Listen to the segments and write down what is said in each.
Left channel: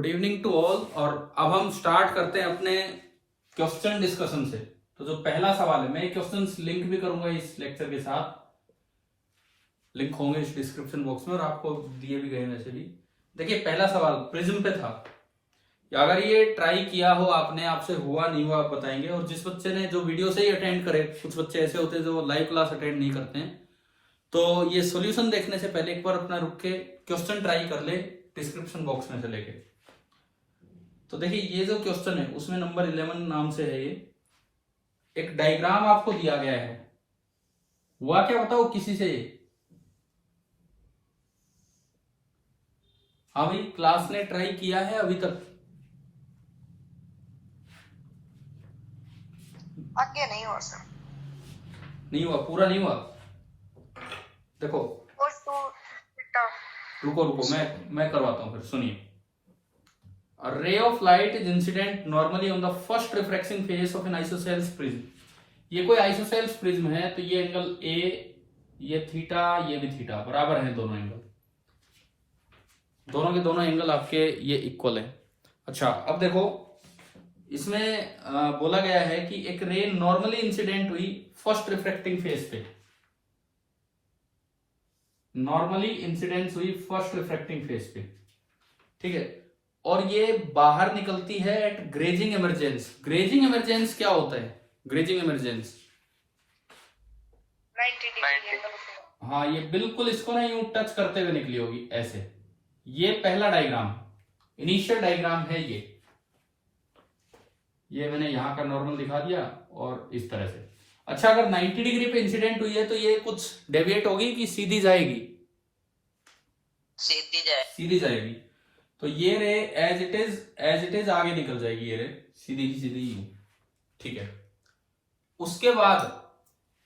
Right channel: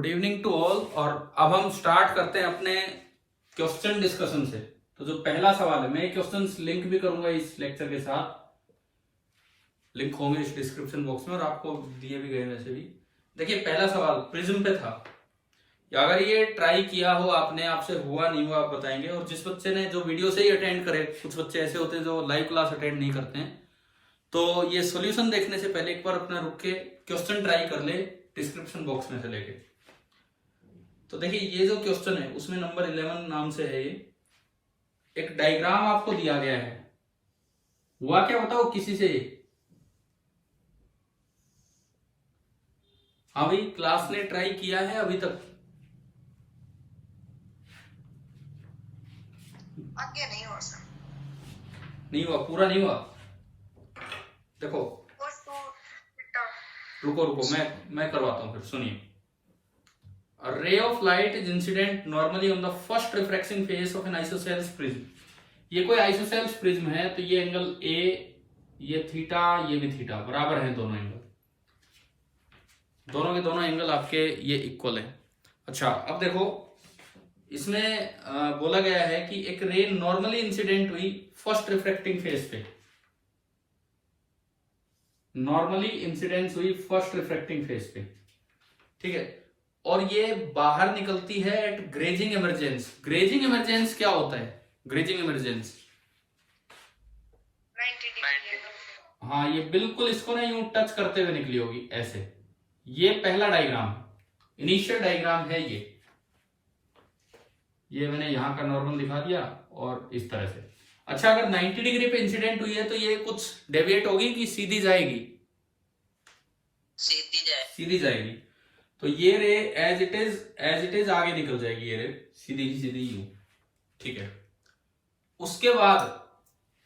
Good evening to all. और अब हम स्टार्ट करते हैं अपने क्वेश्चन डिस्कशन से। तो जो पहला सवाल है, मैं क्वेश्चंस लिंक भी करूंगा इस लेक्चर के साथ, लिंक होंगे इस डिस्क्रिप्शन बॉक्स में और आपको दिए भी गए वैसे भी। देखिए पहला सवाल प्रिज्म पे था। अगर ये ट्राई किया हो आपने, आपसे हुआ नहीं हुआ आप बताएंगे। और जिस बच्चे ने जो वीडियो से ही अटेंड करे, कुछ बच्चे ऐसे होते हैं जो लाइव क्लास अटेंड नहीं करते हैं, तो ये सॉल्यूशन देखने से पहले एक बार अपना रुक के क्वेश्चन ट्राई कर ले डिस्क्रिप्शन बॉक्स में से लेके। तो देखिए ये जो क्वेश्चन है उसमें नंबर 11 नाम से है। ये एक डायग्राम आपको दिया गया है, हुआ क्या बताओ किसी से? हाँ भाई, क्लास ने ट्राई किया है अभी तक? आगे नहीं हुआ सर। नहीं हुआ, पूरा नहीं हुआ। देखो रुको रुको, मैं करवाता हूं फिर, सुनिए। A ray of light is incident normally on the first refraction phase of an isosceles prism। ये कोई isosceles prism है तो ये एंगल A, ये थीटा, ये भी थीटा, बराबर है दोनों एंगल। दोनों के दोनों एंगल आपके ये इक्वल है। अच्छा अब देखो, इसमें बोला गया है कि एक रे नॉर्मली इंसिडेंट हुई फर्स्ट रिफ्रैक्टिंग फेज पे। नॉर्मली इंसिडेंस हुई फर्स्ट रिफ्रैक्टिंग फेज पे, ठीक है। और ये बाहर निकलती है at grazing emergence. Grazing emergence क्या होता है? ग्रेजिंग इमरजेंस, हाँ ये बिल्कुल इसको ना यूं टच करते हुए निकली होगी ऐसे। ये पहला डायग्राम, इनिशियल डायग्राम है ये मैंने यहां का नॉर्मल दिखा दिया और इस तरह से। अच्छा अगर 90 डिग्री पे इंसिडेंट हुई है तो ये कुछ डेविएट होगी कि सीधी जाएगी? सीधी जाएगी। तो ये रे एज इट इज आगे निकल जाएगी, ये रे सीधी यूं, ठीक है। उसके बाद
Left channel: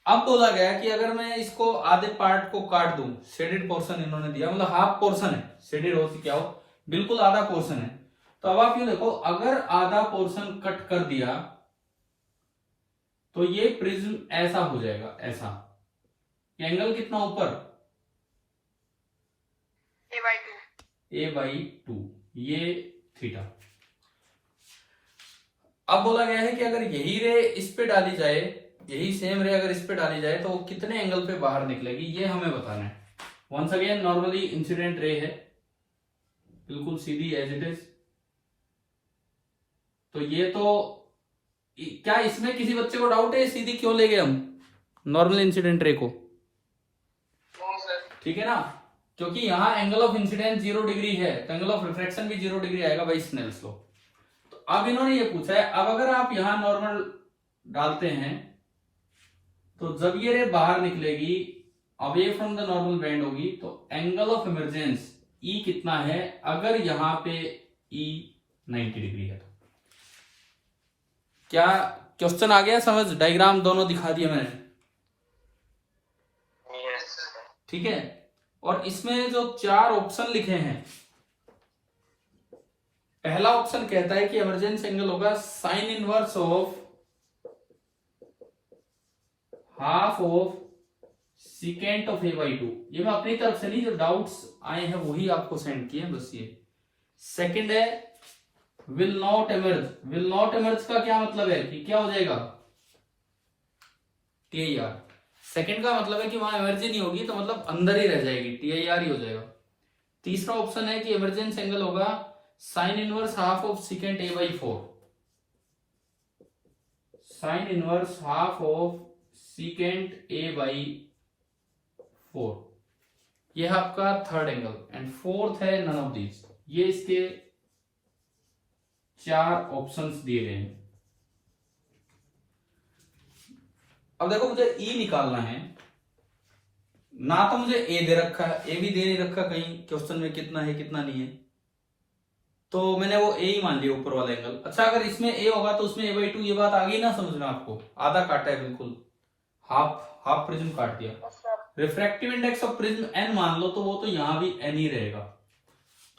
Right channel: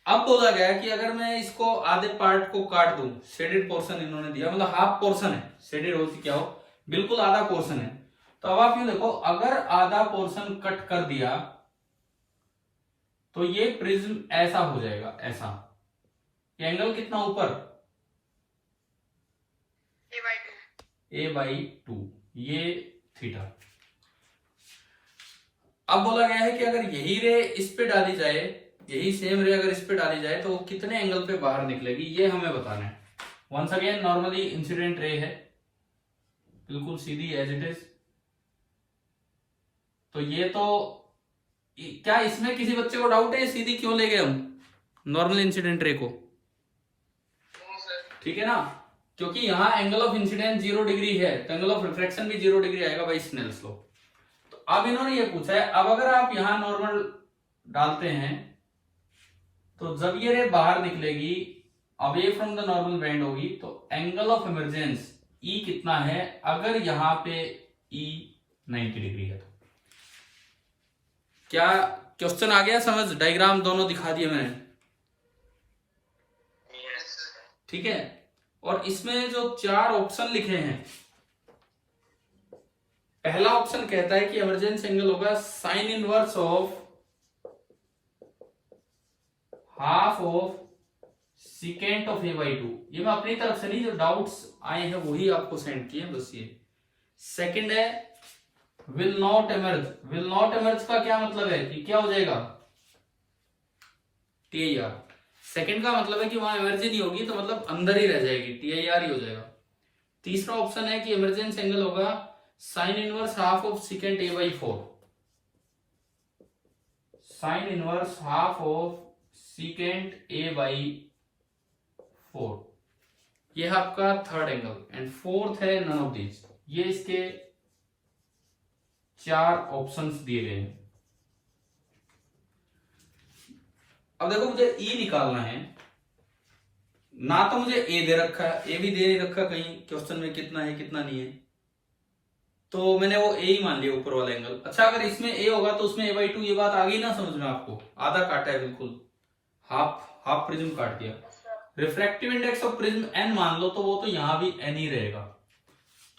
अब बोला गया कि अगर मैं इसको आधे पार्ट को काट दूं, शेडेड पोर्शन इन्होंने दिया, मतलब हाफ पोर्शन है, शेडेड होती क्या हो, बिल्कुल आधा पोर्शन है। तो अब आप ये देखो, अगर आधा पोर्शन कट कर दिया तो ये प्रिज्म ऐसा हो जाएगा, ऐसा। ये एंगल कितना ऊपर? a/2, ये थीटा। अब बोला गया है कि अगर यही रे इस पे डाली जाए, यही सेम रे अगर इस पे डाली जाए तो वो कितने एंगल पे बाहर निकलेगी, ये हमें बताना है। Once again normally incident ray है, बिल्कुल सीधी एज इट इज। तो ये तो क्या इसमें किसी बच्चे को डाउट है सीधी क्यों ले गए हम नॉर्मल इंसिडेंट रे को? ठीक है ना, क्योंकि यहां एंगल ऑफ इंसिडेंस 0 डिग्री है तो एंगल ऑफ रिफ्रैक्शन भी 0 डिग्री आएगा बाई स्नेल्स लॉ। तो अब इन्होंने ये पूछा है, अब अगर आप यहां नॉर्मल डालते हैं तो जब ये रे बाहर निकलेगी, away from the normal bend होगी, तो एंगल ऑफ इमरजेंस ई कितना है अगर यहां पे ई 90 डिग्री है? तो क्या क्वेश्चन आ गया समझ? डायग्राम दोनों दिखा दिए मैंने, ठीक है। और इसमें जो 4 ऑप्शन लिखे हैं, पहला ऑप्शन कहता है कि इमरजेंस एंगल होगा sine inverse of half of secant of a/2। ये मैं अपनी तरफ से नहीं, जो डाउट्स आए हैं वही आपको सेंड किए बस ये। सेकंड है will not emerge. Will not emerge का क्या मतलब है कि क्या हो जाएगा? TIR। सेकंड का मतलब है कि वहां एमर्जी नहीं होगी, तो मतलब अंदर ही रह जाएगी, TIR ही हो जाएगा। तीसरा ऑप्शन है कि इमरजेंस एंगल होगा sine inverse half of secant a/4। Sine inverse half of secant a/4, ये है आपका थर्ड एंगल। एंड फोर्थ है नन ऑफ दीज। ये इसके 4 ऑप्शंस दिए गए हैं। अब देखो मुझे E निकालना है ना, तो मुझे A दे रखा है, A भी दे नहीं रखा कहीं क्वेश्चन में कितना है कितना नहीं है, तो मैंने वो A ही मान लिया ऊपर वाला एंगल। अच्छा अगर इसमें A होगा तो उसमें a/2, ये बात आ गई ना समझना आपको? आधा काटा है, बिल्कुल हाफ प्रिज्म काट दिया। Refractive index of prism n मान लो, तो वो तो यहां भी n ही रहेगा।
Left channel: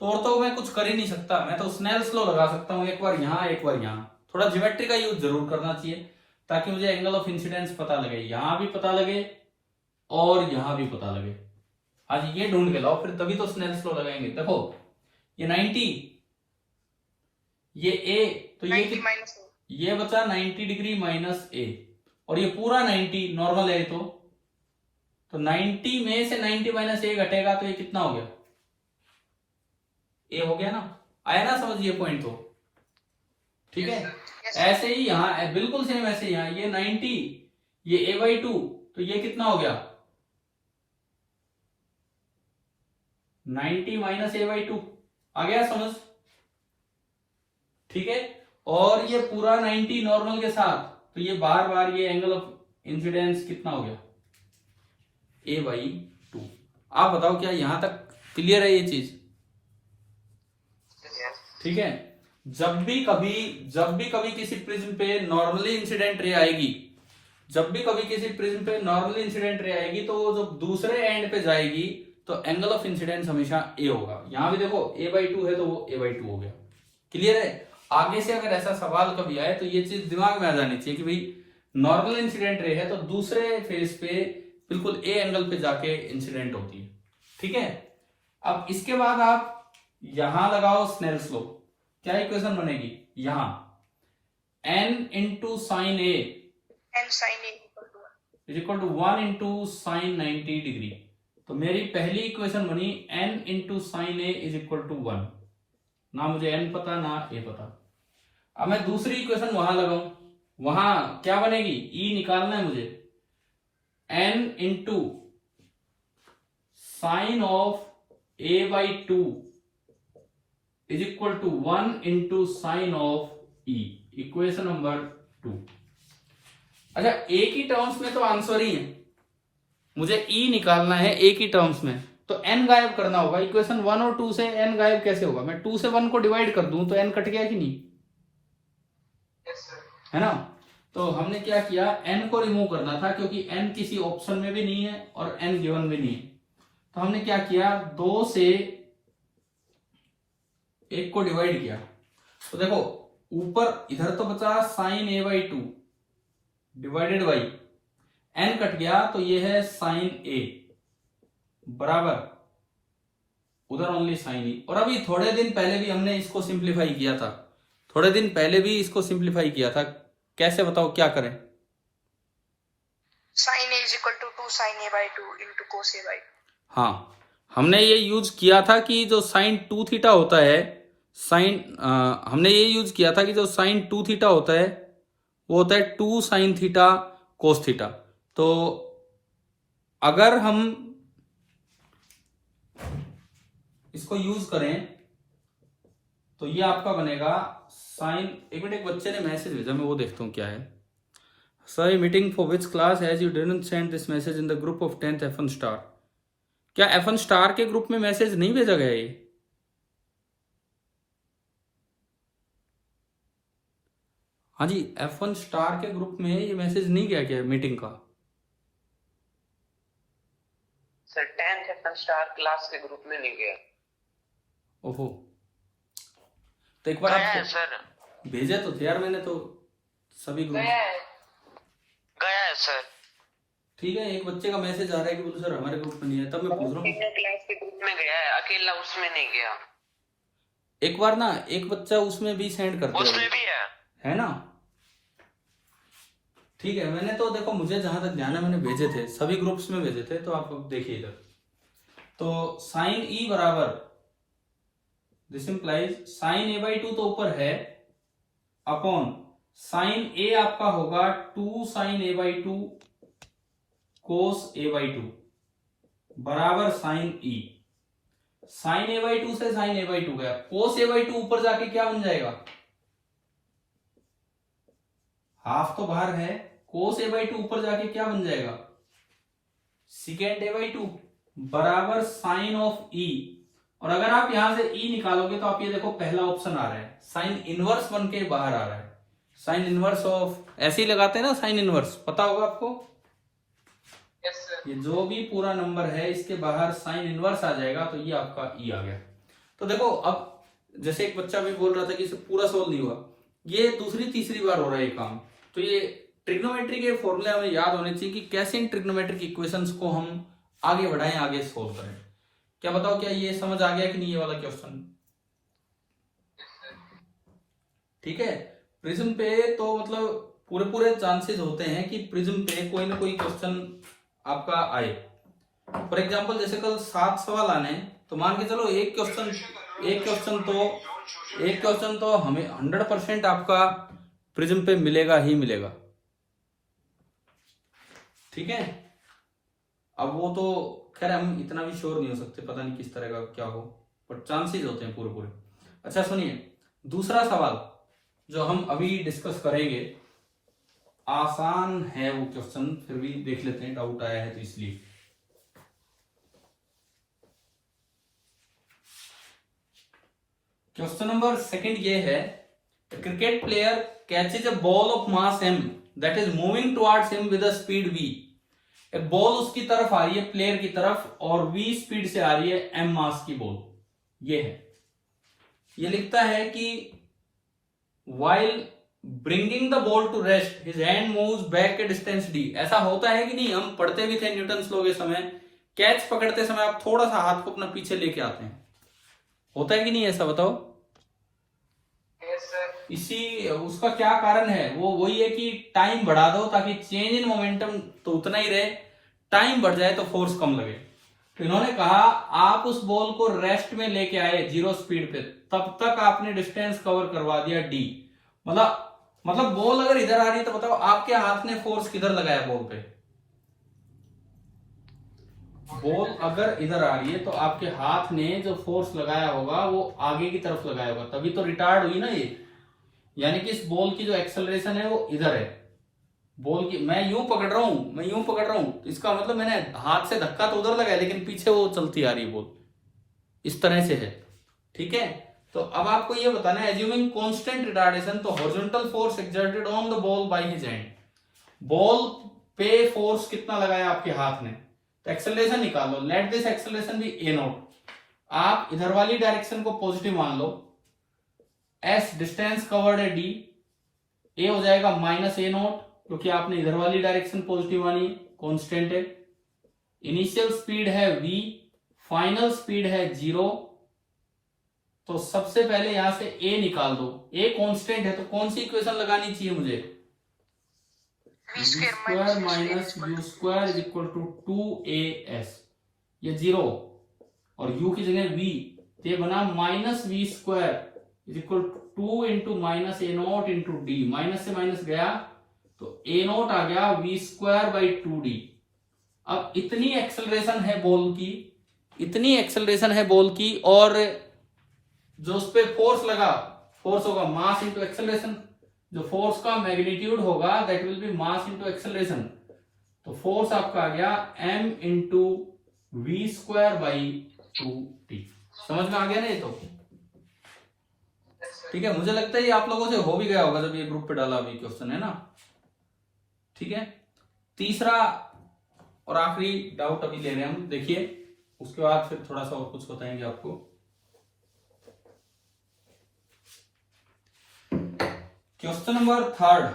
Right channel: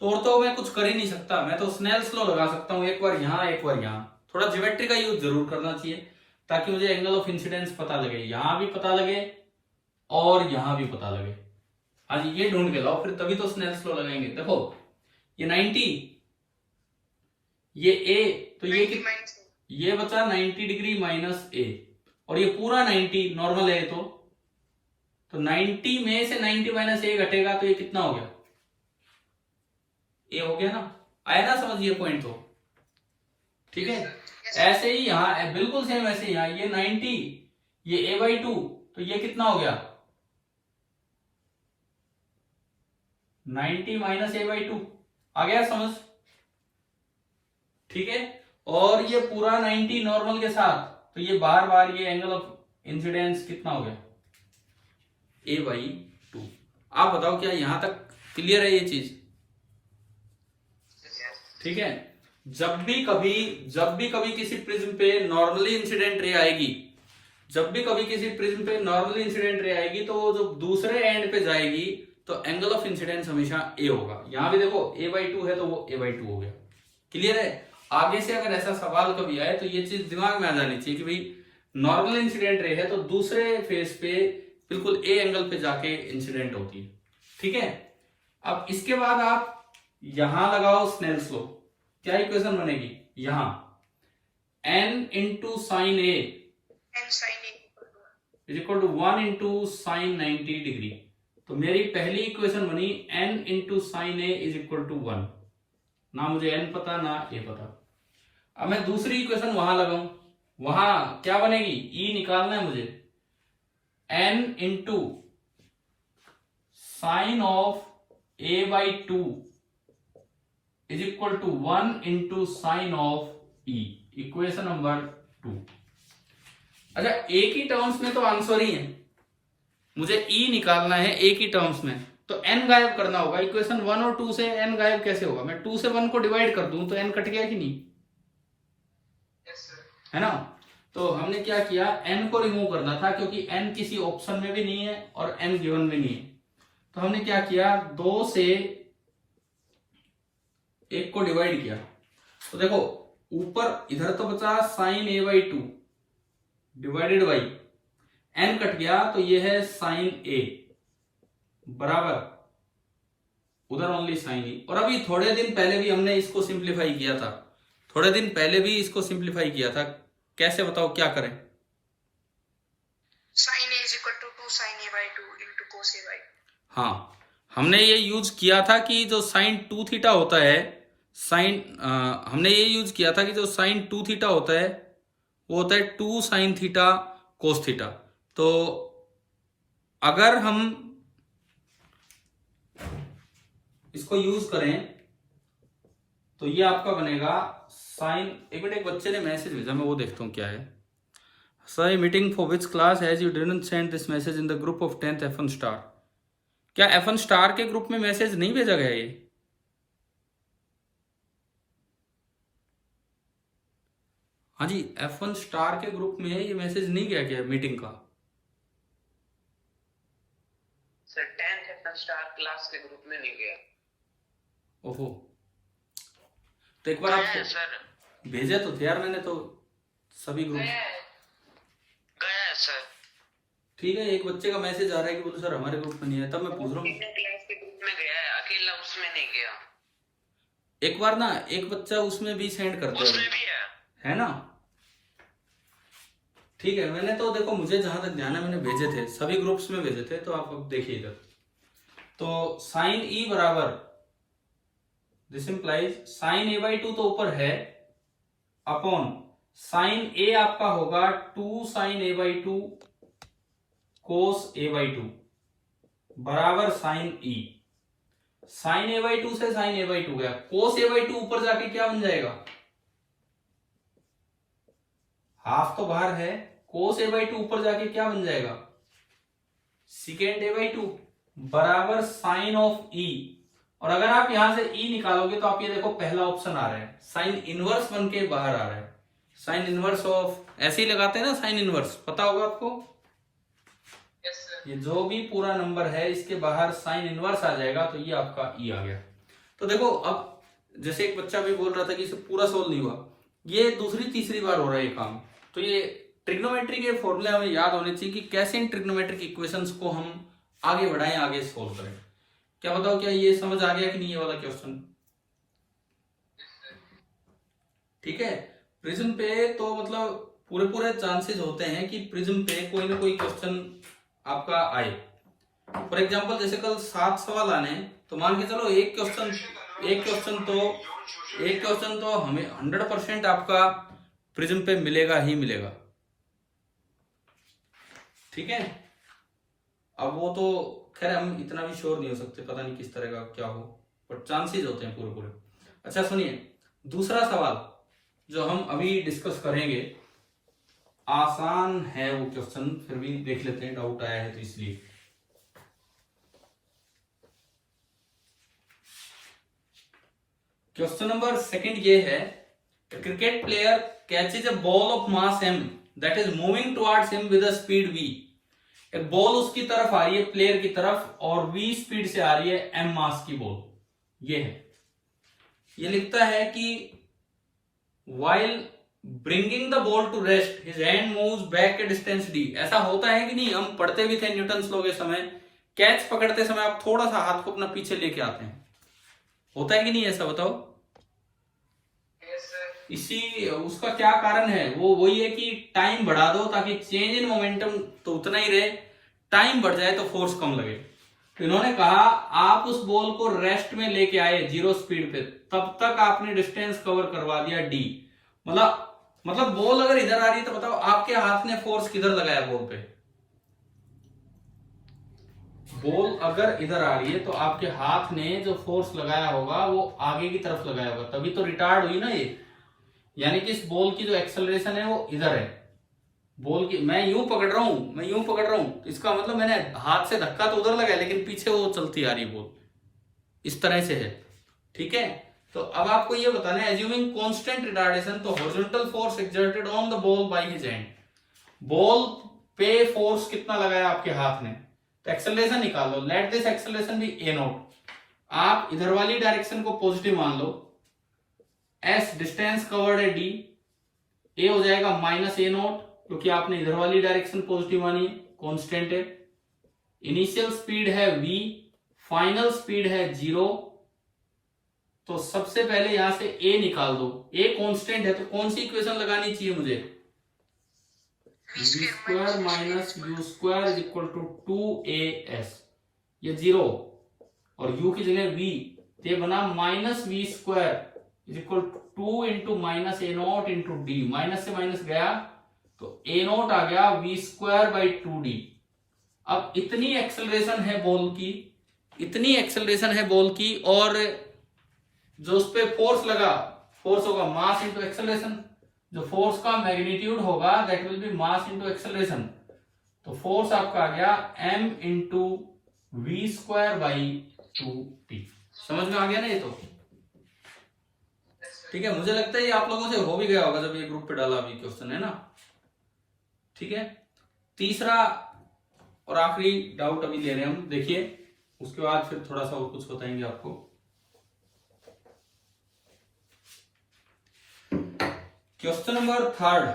तो और तो मैं कुछ कर ही नहीं सकता, मैं तो स्नेल्स लॉ लगा सकता हूं, एक बार यहां एक बार यहां। थोड़ा ज्योमेट्री का यूज जरूर करना चाहिए ताकि मुझे एंगल ऑफ इंसिडेंस पता लगे, यहां भी पता लगे और यहां भी पता लगे। हाँ जी, ये ढूंढ के लाओ फिर, तभी तो स्नेल्स लॉ लगाएंगे। देखो ये 90 ये ए, तो ये 90 माइनस ए, ये बचा 90 डिग्री माइनस ए, और ये पूरा 90 नॉर्मल है तो 90 में से 90 माइनस ए घटेगा तो ये कितना हो गया, ए हो गया ना, आया ना समझ ये पॉइंट तो, ठीक है। ऐसे ही यहाँ बिल्कुल सेम ऐसे यहाँ ये 90, ये a/2, तो ये कितना हो गया 90 माइनस a/2, आ गया समझ, ठीक है। और ये पूरा 90 नॉर्मल के साथ, तो ये बार बार ये एंगल ऑफ इंसिडेंस कितना हो गया a/2। आप बताओ क्या यहां तक क्लियर है ये चीज, ठीक है। जब भी कभी किसी प्रिज्म पे नॉर्मली इंसिडेंट रे आएगी, जब भी कभी किसी प्रिज्म पे नॉर्मली इंसिडेंट रे आएगी, तो वो जब दूसरे एंड पे जाएगी तो एंगल ऑफ इंसिडेंस हमेशा ए होगा। यहां भी देखो a/2 है तो वो a/2 हो गया, क्लियर है। आगे से अगर ऐसा सवाल कभी आए तो ये चीज दिमाग में आ जानी चाहिए कि भाई नॉर्मल इंसिडेंट रे है तो दूसरे फेस पे बिल्कुल ए एंगल पे जाके इंसिडेंट होती है, ठीक है। अब इसके बाद आप यहां लगाओ स्नेल्स लॉ, क्या इक्वेशन बनेगी यहां n into sine A N sine A is equal to 1 into sine 90 degree. तो मेरी पहली इक्वेशन बनी n into sine A is equal to 1, ना मुझे n पता ना a पता। अब मैं दूसरी इक्वेशन वहां लगाऊं, वहां क्या बनेगी, e निकालना है मुझे, n into sine of a/2 is equal to 1 into sine of e, equation number 2। अच्छा एक ही टर्म्स में तो आंसर ही है, मुझे e निकालना है एक ही टर्म्स में, तो n गायब करना होगा। इक्वेशन 1 और 2 से n गायब कैसे होगा, मैं 2 से 1 को डिवाइड कर दूं तो n कट गया कि नहीं, है ना। तो हमने क्या किया, n को रिमूव करना था क्योंकि n किसी ऑप्शन में भी नहीं है और n गिवन भी नहीं है। तो हमने क्या किया, 2 से 1 को डिवाइड किया, तो देखो ऊपर इधर तो बचा sine a/2 divided by n cut गया, तो ये है साइन a बराबर उधर ओनली साइन e। और अभी थोड़े दिन पहले भी हमने इसको सिंप्लीफाई किया था, थोड़े दिन पहले भी इसको सिंप्लीफाई किया था, कैसे बताओ क्या करें, sine A is equal to 2 sine a/2 into cos a/2। हाँ हमने ये यूज किया था कि जो साइन 2 थीटा होता है, हमने ये यूज किया था कि जो साइन 2 थीटा होता है वो होता है 2 साइन थीटा कोस थीटा। तो अगर हम इसको यूज करें तो ये आपका बनेगा साइन, एक मिनट एक बच्चे ने मैसेज भेजा, मैं वो देखता हूँ क्या है। Sir meeting for which class as you didn't send this message in the group of 10th F1 star. क्या F1 स्टार के ग्रुप में मैसेज नहीं भेजा गया ये, हाँ जी F1 स्टार के ग्रुप में ये मैसेज नहीं गया क्या मीटिंग का, sir 10th F1 star class के ग्रुप में नहीं गया। ओहो, तो एक बार आप सर भेजे तो थे यार, मैंने तो सभी ग्रुप गया है सर। ठीक है, एक बच्चे का मैसेज आ रहा है कि बोलो सर हमारे ग्रुप में नहीं है, तब मैं पूछ रहा हूँ क्लास के ग्रुप में गया है, अकेला उसमें नहीं गया। एक बार ना एक बच्चा उसमें भी सेंड करते उसमें भी है ना, ठीक है। मैंने तो देखो मुझे जहां तक ध्यान है मैंने भेजे थे, सभी ग्रुप्स में भेजे थे, तो आप देखिए इधर। तो साइन ई बराबर दिस इंप्लाइज साइन a/2 तो ऊपर है अपॉन साइन ए आपका होगा 2 साइन a/2 कोस a/2 बराबर साइन ई। साइन a/2 से साइन a/2 गया, कोस a/2 ऊपर जाके क्या बन जाएगा, हाफ तो बाहर है, कोस a/2 ऊपर जाके क्या बन जाएगा सिकेंड a/2 बराबर साइन ऑफ ई। और अगर आप यहां से ई निकालोगे तो आप ये देखो पहला ऑप्शन आ रहा है, साइन इनवर्स बन के बाहर आ रहा है, साइन इनवर्स ऑफ, ऐसे ही लगाते हैं ना साइन इनवर्स, पता होगा आपको। ये जो भी पूरा नंबर है इसके बाहर साइन इनवर्स आ जाएगा, तो ये आपका ई आ गया। तो देखो अब जैसे एक बच्चा भी बोल रहा था कि इसे पूरा सोल्व नहीं हुआ, ये दूसरी तीसरी बार हो रहा है ये काम। तो ये ट्रिग्नोमेट्री के फॉर्मूले हमें याद होने चाहिए कि कैसे इन ट्रिग्नोमेट्रिक इक्वेशंस को हम आगे बढ़ाएं, आगे सोल्व करें। क्या बताओ क्या ये समझ आ गया कि नहीं ये वाला क्वेश्चन, ठीक है। प्रिज्म पे तो मतलब पूरे चांसेस होते हैं कि प्रिज्म पे कोई ना कोई क्वेश्चन आपका आए। फॉर एग्जांपल जैसे कल 7 सवाल आने, तो मान के चलो एक क्वेश्चन तो हमें 100% आपका प्रिज्म पे मिलेगा ही मिलेगा, ठीक है। अब वो तो खैर हम इतना भी श्योर नहीं हो सकते, पता नहीं किस तरह का क्या हो, पर चांसेस होते हैं पूरे। अच्छा सुनिए, दूसरा सवाल जो हम अभी डिस्कस करेंगे, आसान है वो क्वेश्चन, फिर भी देख लेते हैं, डाउट आया है तो इसलिए। क्वेश्चन नंबर सेकंड ये है, cricket player catches a ball of mass m that is moving towards him with a speed v। एक बॉल उसकी तरफ आ रही है, प्लेयर की तरफ, और v स्पीड से आ रही है, m मास की बॉल ये है। ये लिखता है कि while bringing the ball to rest his hand moves back a distance d। ऐसा होता है कि नहीं, हम पढ़ते भी थे न्यूटन्स लॉ के समय, कैच पकड़ते समय आप थोड़ा सा हाथ को अपना पीछे लेके आते हैं, होता है कि नहीं, ऐसा बताओ। इसी उसका क्या कारण है, वो वही है कि टाइम बढ़ा दो ताकि चेंज इन मोमेंटम तो उतना ही रहे, टाइम बढ़ जाए तो फोर्स कम लगे। तो इन्होंने कहा आप उस बॉल को रेस्ट में लेके आए 0 स्पीड पे, तब तक आपने डिस्टेंस कवर करवा दिया d। मतलब बॉल अगर इधर आ रही है तो बताओ आपके हाथ ने फोर्स किधर लगाया बॉल पे। बॉल अगर इधर आ रही है तो आपके हाथ ने जो फोर्स लगाया होगा वो आगे की तरफ लगाया होगा, तभी तो रिटार्ड हुई ना ये। यानी कि इस बॉल की जो एक्सेलरेशन है वो इधर है, बॉल की मैं यूं पकड़ रहा हूं, तो इसका मतलब मैंने हाथ से धक्का तो उधर लगाया, लेकिन पीछे वो चलती आ रही है बॉल, इस तरह से है, ठीक है। तो अब आपको ये बताना है, एज्यूमिंग कांस्टेंट रिटार्डेशन, तो horizontal force exerted on the ball by his hand, ball पे फोर्स कितना लगाया आपके हाथ ने, तो एक्सेलरेशन निकाल लो। Let this acceleration be a naught. आप इधर वाली डायरेक्शन को पॉजिटिव मान लो, s डिस्टेंस कवर्ड है d, a हो जाएगा -a नॉट, क्योंकि आपने इधर वाली डायरेक्शन पॉजिटिव मानी है, कांस्टेंट है। इनिशियल स्पीड है v, फाइनल स्पीड है 0। तो सबसे पहले यहां से a निकाल दो, a कांस्टेंट है तो कौन सी इक्वेशन लगानी चाहिए मुझे, v² minus u² is equal to 2as, ये 0 और u की जगह v, तो ये बना -v² is equal to 2 into -a naught into d, minus से माइनस गया तो a नॉट आ गया v² बाई 2d। अब इतनी एक्सेलरेशन है बॉल की, और जो उस पे फोर्स लगा, फोर्स होगा मास इंटू एक्सेलरेशन, जो फोर्स का मैग्नीट्यूड होगा that will be mass into acceleration. तो फोर्स आपका आ गया m into v² by 2t। समझ में आ गया ना ये तो, ठीक है। मुझे लगता है ये आप लोगों से हो भी गया होगा जब ये ग्रुप पे डाला अभी क्वेश्चन, है ना, ठीक है। तीसरा और आखिरी डाउट अभी ले रहे हैं हम, देखिए, उसके बाद फिर थोड़ा सा और कुछ बताएंगे आपको। क्वेश्चन नंबर थर्ड,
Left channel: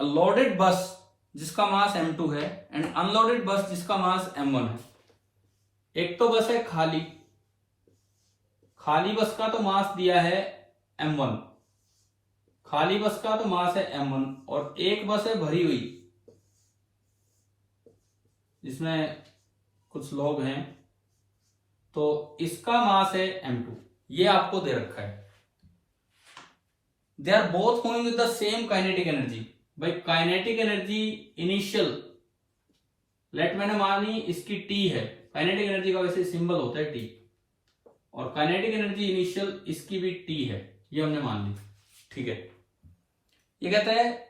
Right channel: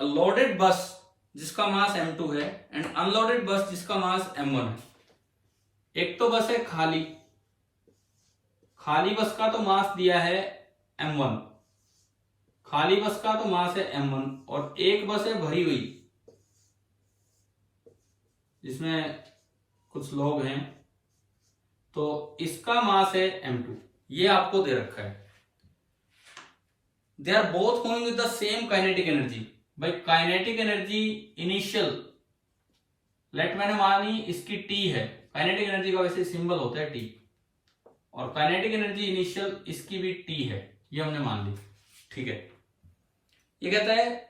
लोडेड बस जिसका मास m2 है एंड अनलोडेड बस जिसका मास m1 है। एक तो बस है खाली बस का तो मास दिया है m1, और एक बस है भरी हुई जिसमें कुछ लोग हैं, तो इसका मास है m2, ये आपको दे रखा है। They are both moving with the same kinetic energy. भाई काइनेटिक एनर्जी इनिशियल लेट मैंने मानी इसकी t है, काइनेटिक एनर्जी का वैसे सिंबल होता है t, और काइनेटिक एनर्जी इनिशियल इसकी भी t है, ये हमने मान ली, ठीक है। ये कहता है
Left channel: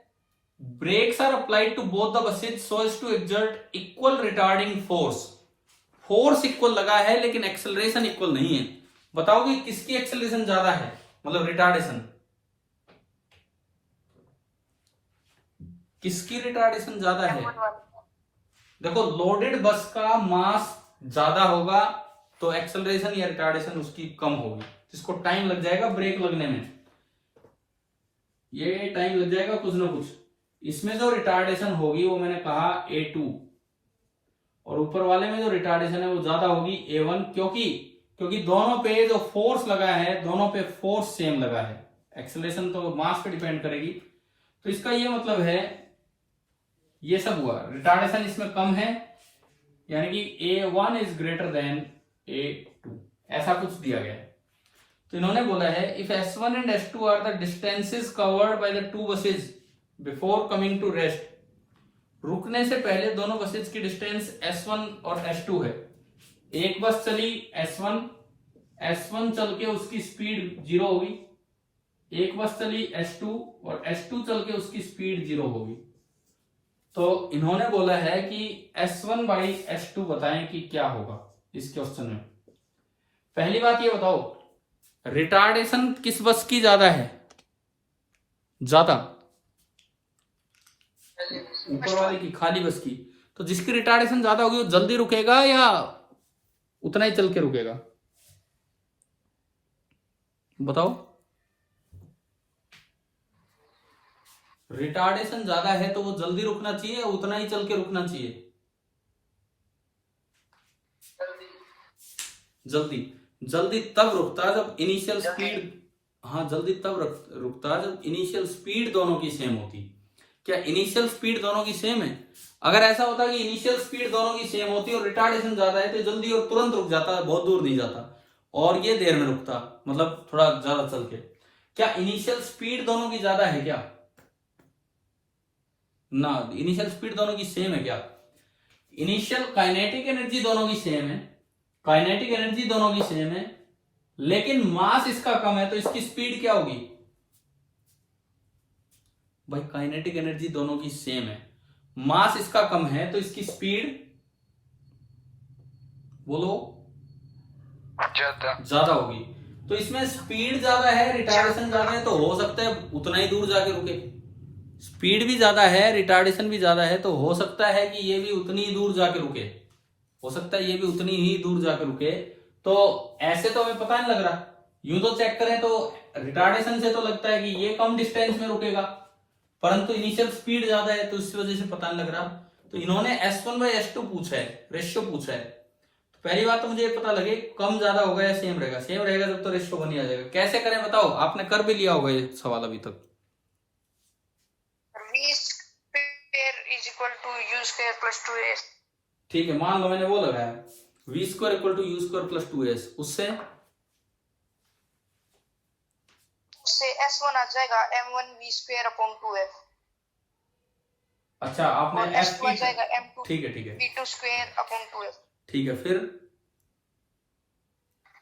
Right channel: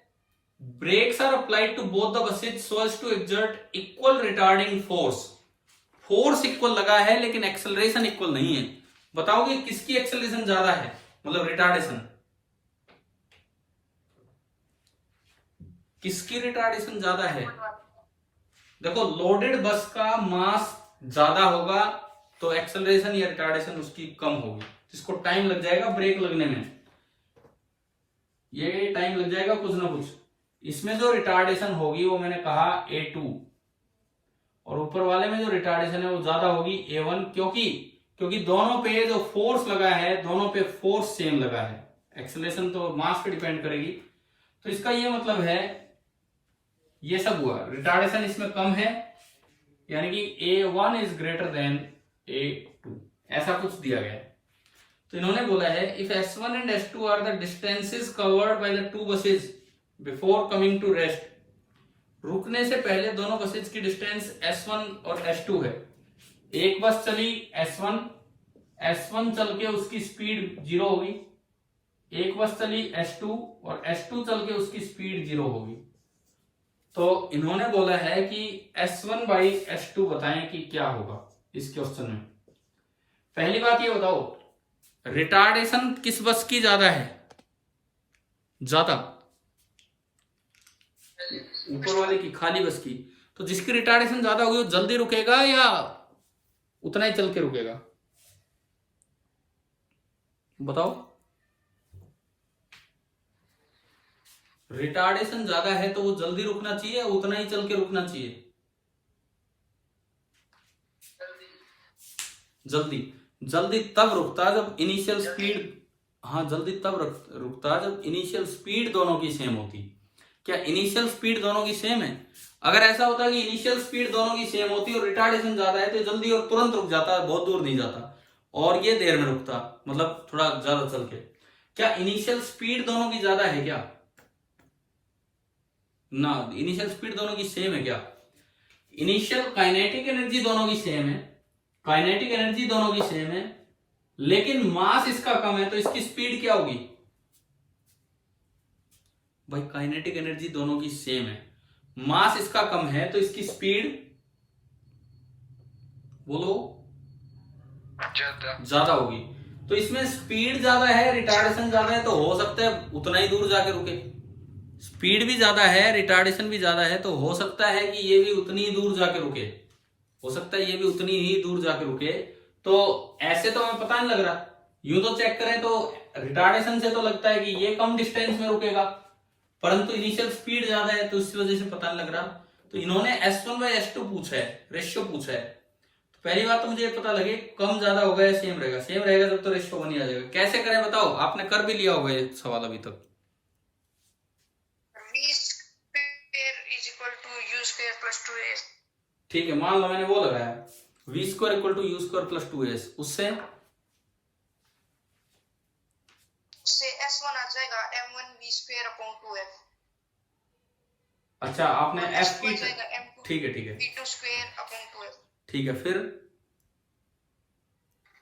brakes are applied to both the buses so as to exert equal retarding force equal लगा है लेकिन एक्सेलरेशन इक्वल नहीं है। बताओ कि किसकी एक्सेलरेशन ज्यादा है, मतलब रिटार्डेशन, किसकी रिटार्डेशन ज्यादा है। देखो लोडेड बस का मास ज्यादा होगा तो एक्सेलरेशन या रिटार्डेशन उसकी कम होगी, जिसको टाइम लग जाएगा ब्रेक लगने में, ये टाइम लग जाएगा कुछ ना कुछ। इसमें जो रिटार्डेशन होगी वो मैंने कहा a2, और ऊपर वाले में जो रिटार्डेशन है वो ज्यादा होगी a1, क्योंकि क्योंकि दोनों पे जो फोर्स लगा है, दोनों पे फोर्स सेम लगा है। एक्सेलरेशन तो मास पे डिपेंड करेगी, तो इसका ये मतलब है ये सब हुआ। रिटार्डेशन इसमें कम है, यानी कि A1 is greater than A2, ऐसा कुछ दिया गया है। तो इन्होंने बोला है if S1 and S2 are the distances covered by the two buses before coming to rest, रुकने से पहले दोनों बसेस की डिस्टेंस S1 और S2 है। एक बस चली S1 चल के उसकी स्पीड 0 होगी, एक बस चली S2 और S2 चल के उसकी स्पीड 0 होगी। तो इन्होंने बोला है कि S1 बाई S2 बताएं कि क्या होगा इस क्वेश्चन में। पहली बात ये बताओ, रिटार्डेशन किस बस की ज्यादा है? ज्यादा ऊपर वाले की, खाली बस की। तो जिसकी रिटार्डेशन ज्यादा होगी वो जल्दी रुकेगा या उतना ही चल के रुकेगा? बताओ। रिटार्डेशन ज्यादा है तो वो जल्दी रुकना चाहिए या उतना ही चल के रुकना चाहिए? जल्दी। जल्दी तब रुकता है जब इनिशियल स्पीड, हाँ जल्दी तब रुकता है जब इनिशियल स्पीड दोनों की सेम होती। क्या इनिशियल स्पीड दोनों की सेम है? अगर ऐसा होता कि इनिशियल स्पीड दोनों की सेम होती और रिटार्डेशन ज्यादा है तो जल्दी और तुरंत रुक जाता, बहुत दूर नहीं जाता, और ये देर में रुकता, मतलब थोड़ा ज्यादा चल के। क्या इनिशियल स्पीड दोनों की ज्यादा है क्या? ना, इनिशियल स्पीड दोनों की सेम है क्या? इनिशियल काइनेटिक एनर्जी दोनों की सेम है, काइनेटिक एनर्जी दोनों की सेम है, लेकिन मास इसका कम है तो इसकी स्पीड क्या होगी? भाई काइनेटिक एनर्जी दोनों की सेम है, मास इसका कम है तो इसकी स्पीड बोलो ज्यादा होगी। तो इसमें स्पीड ज्यादा है, रिटार्डेशन ज्यादा है, तो हो सकता है उतना ही दूर जाके रुके। स्पीड भी ज्यादा है, रिटार्डेशन भी ज्यादा है, तो हो सकता है कि ये भी उतनी ही दूर जाके रुके, हो सकता है ये भी उतनी ही दूर जाके रुके। तो ऐसे तो हमें पता नहीं लग रहा, यूं तो चेक करें तो रिटार्डेशन से तो लगता है कि ये कम डिस्टेंस में रुकेगा, परंतु इनिशियल स्पीड ज्यादा है तो इस वजह से पता नहीं लग रहा। तो इन्होंने S1 बाई S2 पूछा है, रेशियो पूछा है। तो पहली बात तो मुझे पता लगे कम ज्यादा होगा या सेम रहेगा। सेम रहेगा जब तो रेशियो बन ही आ जाएगा। कैसे करें बताओ, आपने कर भी लिया होगा ये सवाल अभी तक। V square is equal to U square plus 2S। ठीक है, मान लो मैंने वो लगाया V square equal to U square plus 2S, उससे S1 आ जाएगा M1 V square upon 2F। अच्छा आपने F की, M2 ठीक है ठीक है V2 square upon 2F। ठीक है, फिर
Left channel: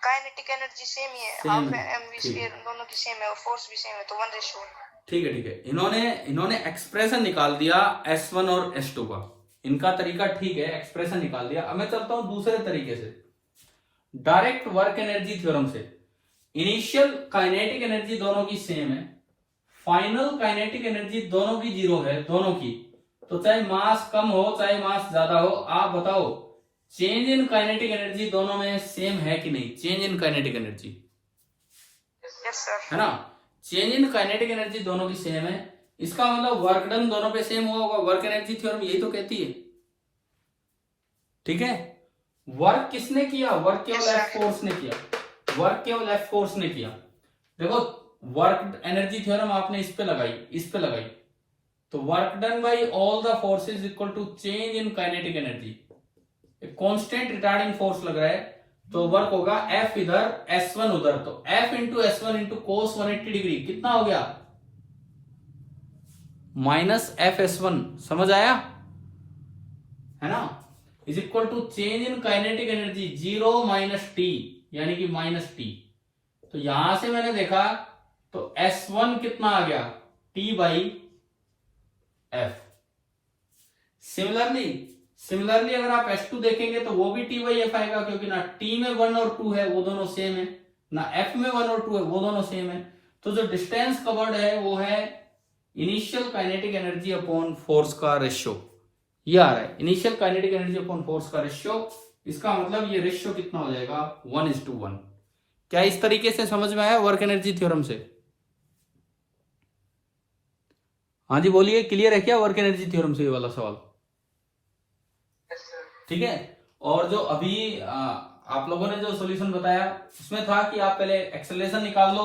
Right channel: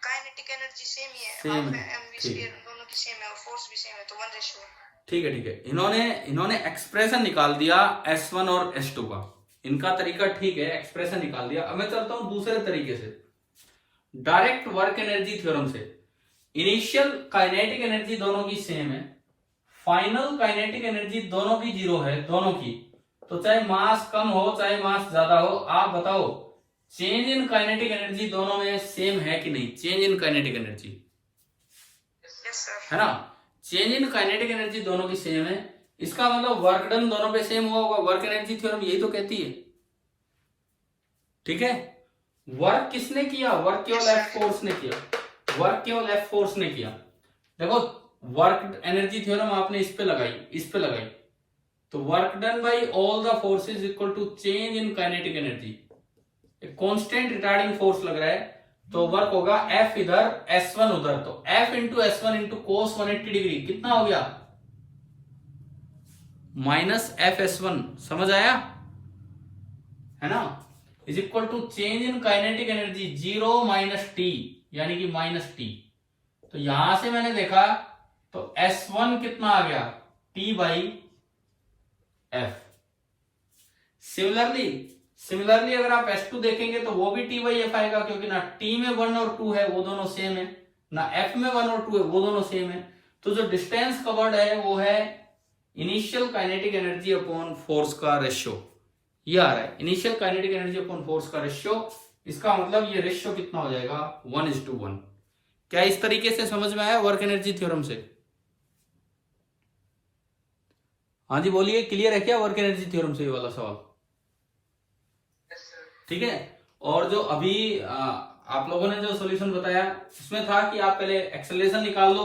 काइनेटिक एनर्जी सेम ही है, सेम हाफ है, है, M V ठीक है square दोनों की सेम है और फोर्स भी सेम है, तो 1:1। ठीक है ठीक है। इन्होंने एक्सप्रेशन निकाल दिया S1 और S2 का, इनका तरीका ठीक है, एक्सप्रेशन निकाल दिया। अब मैं चलता हूं दूसरे तरीके से, डायरेक्ट वर्क एनर्जी थ्योरम से। इनिशियल काइनेटिक एनर्जी दोनों की सेम है, फाइनल काइनेटिक एनर्जी दोनों की 0 है, दोनों की। तो चाहे मास कम हो चाहे मास ज्यादा हो, आप बताओ चेंज इन काइनेटिक एनर्जी दोनों में सेम है कि नहीं? चेंज इन काइनेटिक एनर्जी है ना, चेंज इन काइनेटिक एनर्जी दोनों की सेम है, इसका मतलब वर्क डन दोनों पे सेम हुआ होगा। वर्क एनर्जी थ्योरम यही तो कहती है, ठीक है। वर्क किसने किया? वर्क केवल एफ फोर्स ने किया, वर्क केवल एफ फोर्स ने किया। देखो वर्क एनर्जी थ्योरम आपने इस पे लगाई, इस पे लगाई, तो work done by all the forces equal to change in kinetic energy. Constant retarding force लग रहा है तो वर्क होगा F इधर S1 उधर, तो F into S1 into cos 180 degree कितना हो गया? माइनस FS1, समझ आया है ना, is equal to change in kinetic energy 0 minus T, यानी कि माइनस टी। तो यहां से मैंने देखा तो S1 कितना आ गया? T by F। सिमिलरली अगर आप S2 देखेंगे तो वो भी T बाई F आएगा, क्योंकि ना T में 1 और 2 है वो दोनों सेम है, ना F में 1 और 2 है वो दोनों सेम है। तो जो डिस्टेंस कवर्ड है वो है initial kinetic energy upon force का रेशियो, ये आ रहा है initial kinetic energy upon force का रेशियो। इसका मतलब ये रेशियो कितना हो जाएगा? 1:1। क्या इस तरीके से समझ में आया वर्क एनर्जी थ्योरम से? हाँ जी बोलिए, क्लियर है क्या वर्क एनर्जी थ्योरम से ये वाला सवाल? ठीक है। और जो अभी आप लोगों ने जो सॉल्यूशन बताया उसमें था कि आप पहले एक्सेलरेशन निकाल लो,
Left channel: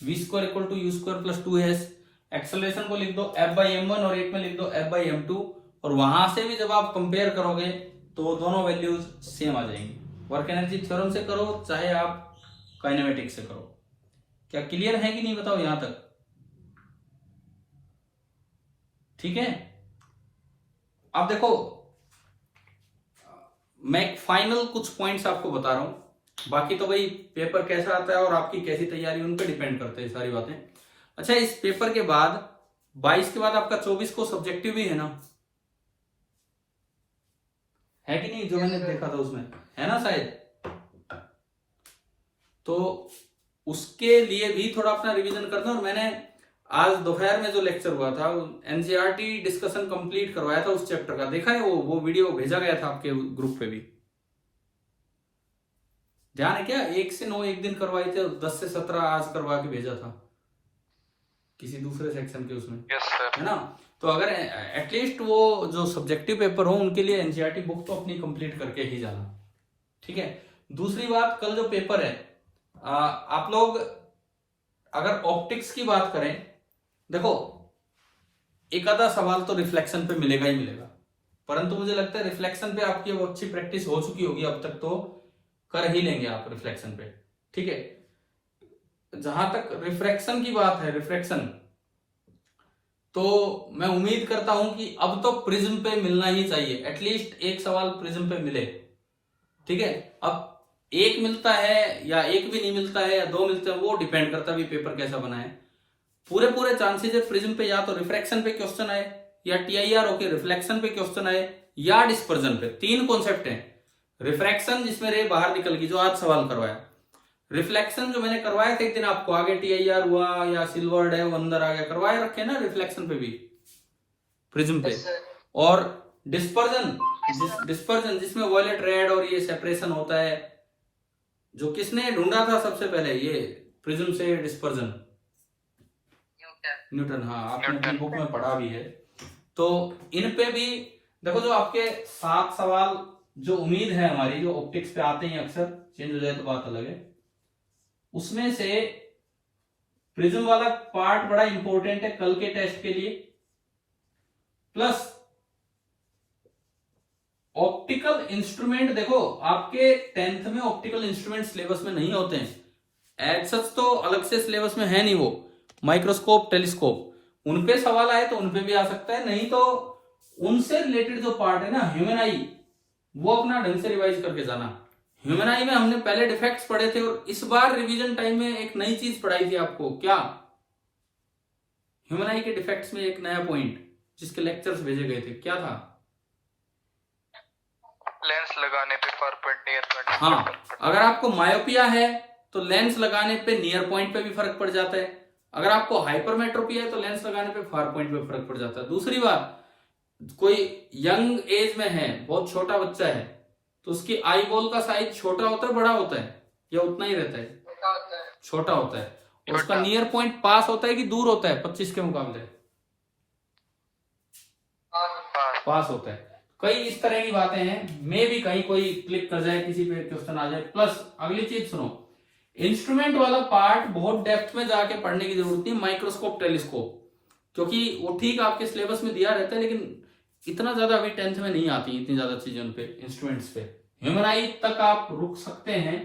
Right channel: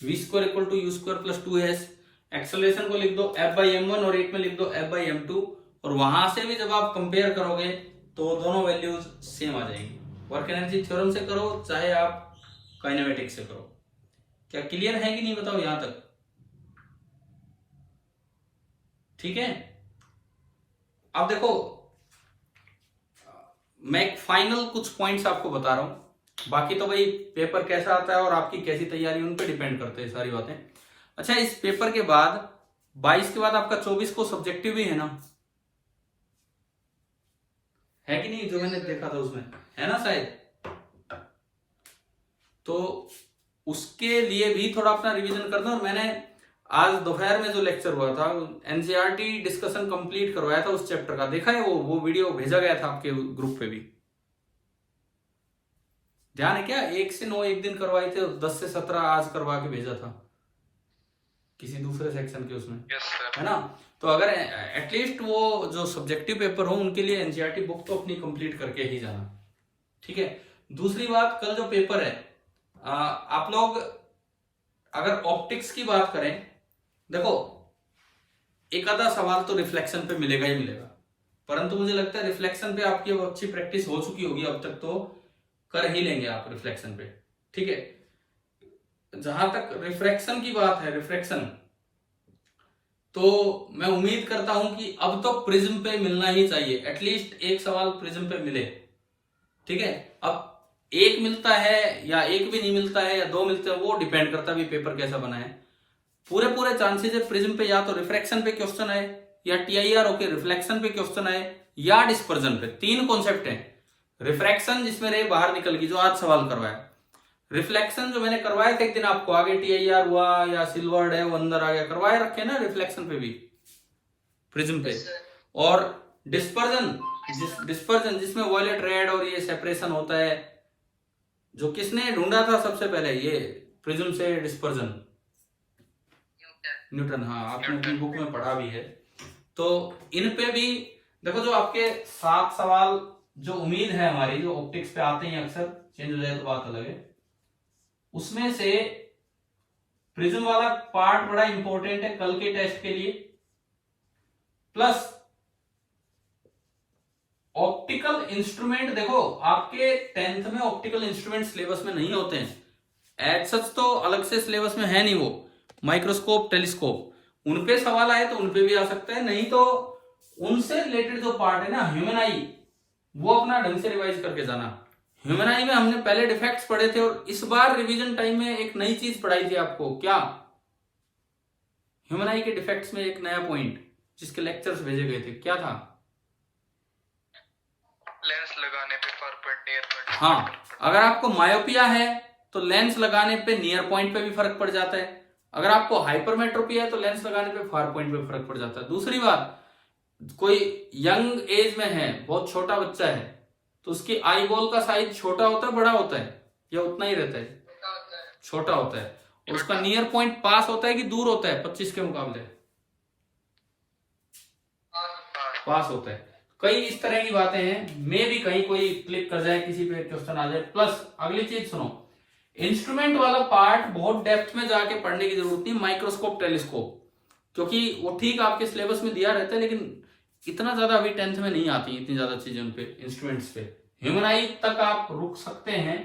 v² equal to u² plus 2s। Acceleration को लिख दो f/m1 और एक में लिख दो f/m2, और वहां से भी जब आप कंपेयर करोगे तो दोनों वैल्यूज सेम आ जाएंगी। वर्क एनर्जी थ्योरम से करो चाहे आप काइनेमेटिक्स से करो। क्या क्लियर है कि नहीं बताओ यहां तक? ठीक है। अब देखो मैं एक फाइनल कुछ पॉइंट्स आपको बता रहा हूं, बाकी तो भाई पेपर कैसा आता है और आपकी कैसी तैयारी उन पे डिपेंड करते हैं सारी बातें। अच्छा, इस पेपर के बाद 22 के बाद आपका 24 को सब्जेक्टिव भी है ना, है कि नहीं? जो मैंने देखा था उसमें है ना शायद। तो उसके लिए भी थोड़ा अपना रिवीजन करना। और मैंने आज दोपहर में जो लेक्चर हुआ था एनसीईआरटी डिस्कशन कंप्लीट करवाया था उस चैप्टर का, देखा है? वो वीडियो भेजा गया था आपके ग्रुप पे भी, ध्यान है क्या? 1 से 9 एक दिन करवाए थे और 10 से 17 आज करवा के भेजा था किसी दूसरे सेक्शन के उसमें। Yes sir. है ना? तो अगर एटलीस्ट वो जो सब्जेक्टिव पेपर हो उनके लिए एनसीईआरटी बुक तो अपनी कंप्लीट करके ही जाना। ठीक है। दूसरी बात, कल जो पेपर है आप लोग अगर ऑप्टिक्स की बात करें, देखो एक आधा सवाल तो रिफ्लेक्शन पे मिलेगा ही मिलेगा, परंतु मुझे लगता है रिफ्लेक्शन पे आपकी अब अच्छी प्रैक्टिस हो चुकी होगी अब तक, तो कर ही लेंगे आप रिफ्लेक्शन पे। ठीक है। जहां तक रिफ्रैक्शन की बात है, रिफ्लेक्शन, तो मैं उम्मीद करता हूं कि अब तो प्रिज्म पे मिलना ही चाहिए, एटलीस्ट एक सवाल प्रिज्म पे मिले। ठीक है। अब एक मिलता है या एक भी नहीं मिलता है या 2 मिलते हैं, वो डिपेंड करता है भी पेपर कैसा बना है। पूरे चांसेस है प्रिज्म पे या तो रिफ्रैक्शन पे क्वेश्चन आए, या टीआईआर होके रिफ्लेक्शन पे क्वेश्चन आए, या डिस्पर्जन पे। 3 कॉन्सेप्ट हैं। रिफ्रैक्शन जिसमें रे बाहर निकल गई, जो आज सवाल करवाया। रिफ्लेक्शन जो मैंने करवाया था एक दिन आपको, आगे टीआईआर हुआ या सिल्वर्ड है वो अंदर आ गया, करवाए रखे ना रिफ्लेक्शन पे भी, प्रिज्म पे। और डिस्पर्जन जिसमें वॉयलेट रेड और ये सेपरेशन होता है, जो किसने ढूंढा था सबसे पहले ये प्रिज्म से डिस्पर्जन? न्यूटन। हाँ, आपने अपनी बुक में पढ़ा भी है। तो इन पे भी देखो, जो आपके 7 सवाल जो उम्मीद है हमारी, जो ऑप्टिक्स पे आते हैं अक्सर, चेंज हो जाए तो बात अलग है, उसमें से प्रिज्म वाला पार्ट बड़ा इंपॉर्टेंट है कल के टेस्ट के लिए। प्लस ऑप्टिकल इंस्ट्रूमेंट, देखो आपके 10th में ऑप्टिकल इंस्ट्रूमेंट सिलेबस में नहीं होते हैं एज सच, तो अलग से सिलेबस में है नहीं वो। माइक्रोस्कोप, टेलीस्कोप, उन पे सवाल आए तो उन पे भी आ सकता है, नहीं तो उनसे रिलेटेड जो पार्ट है ना, ह्यूमन आई, वो अपना ढंग से रिवाइज करके जाना। ह्यूमन आई में हमने पहले डिफेक्ट्स पढ़े थे, और इस बार रिवीजन टाइम में एक नई चीज पढ़ाई थी आपको। क्या? ह्यूमन आई के डिफेक्ट्स में एक नया पॉइंट जिसके लेक्चर्स भेजे गए थे, क्या था? लेंस लगाने पे फार पॉइंट, नियर पॉइंट। हाँ, अगर आपको मायोपिया है तो लेंस लगाने पे नियर पॉइंट पे भी फर्क पड़ जाता है। अगर आपको हाइपरमेट्रोपी है तो लेंस लगाने पे फार पॉइंट पे फर्क पड़ जाता है। दूसरी बात, कोई यंग एज में है, बहुत छोटा बच्चा है, तो उसकी आई बॉल का साइज छोटा होता है, बड़ा होता है, या उतना ही रहता है? छोटा होता है। और उसका नियर पॉइंट पास होता है कि दूर होता है 25 के मुकाबले? पास होता है। कई इस तरह की बातें हैं, मे भी कहीं कोई क्लिक कर जाए, किसी पे क्वेश्चन आ जाए। प्लस अगली चीज सुनो, इंस्ट्रूमेंट वाला पार्ट बहुत डेप्थ में जाके पढ़ने की जरूरत नहीं, माइक्रोस्कोप, टेलीस्कोप, क्योंकि वो ठीक आपके सिलेबस में दिया रहता है, लेकिन इतना ज्यादा अभी 10th में नहीं आती इतनी ज्यादा चीजें उन पे, इंस्ट्रूमेंट्स पे। ह्यूमन आई तक आप रुक सकते हैं,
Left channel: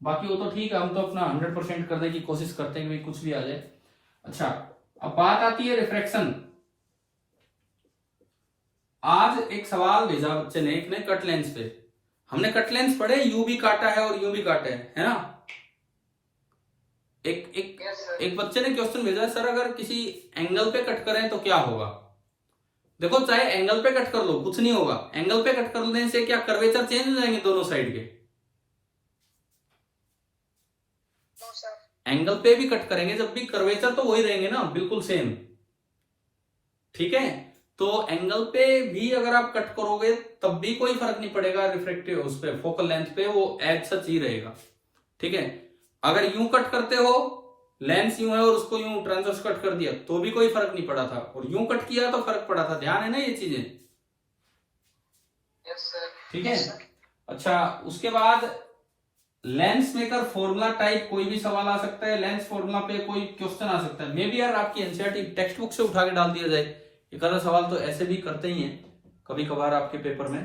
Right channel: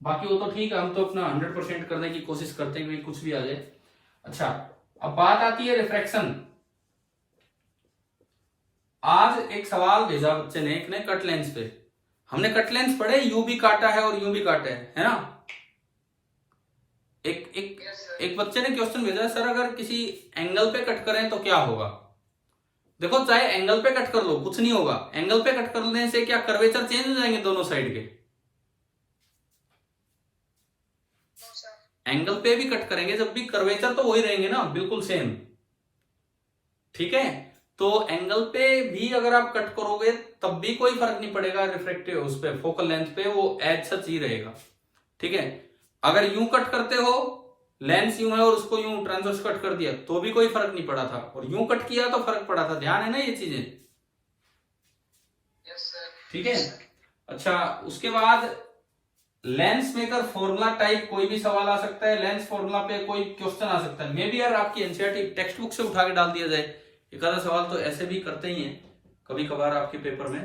बाकी वो तो ठीक है, हम तो अपना 100% करने की कोशिश करते हैं, कुछ भी आ जाए। अच्छा, अब बात आती है रिफ्रैक्शन। आज एक सवाल भेजा बच्चे ने, एक ने कट लेंस पे, हमने कट लेंस पढ़े, यू भी काटा है और यू भी काटा है ना? एक बच्चे ने क्वेश्चन भेजा है, सर अगर किसी एंगल पे कट करें तो क्या होगा? देखो, चाहे एंगल पे कट कर लो कुछ नहीं होगा, एंगल पे कट करने से क्या कर्वेचर चेंज हो जाएंगे दोनों साइड के? एंगल पे भी कट करेंगे जब भी कर्वेचर तो वही रहेंगे ना, बिल्कुल सेम। ठीक है, तो एंगल पे भी अगर आप कट करोगे तब भी कोई फर्क नहीं पड़ेगा रिफ्रैक्टिव उस पे, फोकल लेंथ पे वो एज सच ही रहेगा। ठीक है, अगर यूं कट करते हो, लेंस यूं है और उसको यूं ट्रांसवर्स कट कर दिया तो भी कोई फर्क नहीं पड़ा था, और यूं कट किया तो फर्क पड़ा था। ध्यान है ना ये चीजें? Yes sir. ठीक है। अच्छा, उसके बाद लेंस मेकर फॉर्मूला टाइप कोई भी सवाल आ सकता है, लेंस फॉर्मूला पे कोई क्वेश्चन आ सकता है। मे बी यार आपकी एनसीईआरटी टेक्स्ट बुक से उठा के डाल दिया जाए, एक आधा सवाल तो ऐसे भी करते ही हैं कभी कभार आपके पेपर में।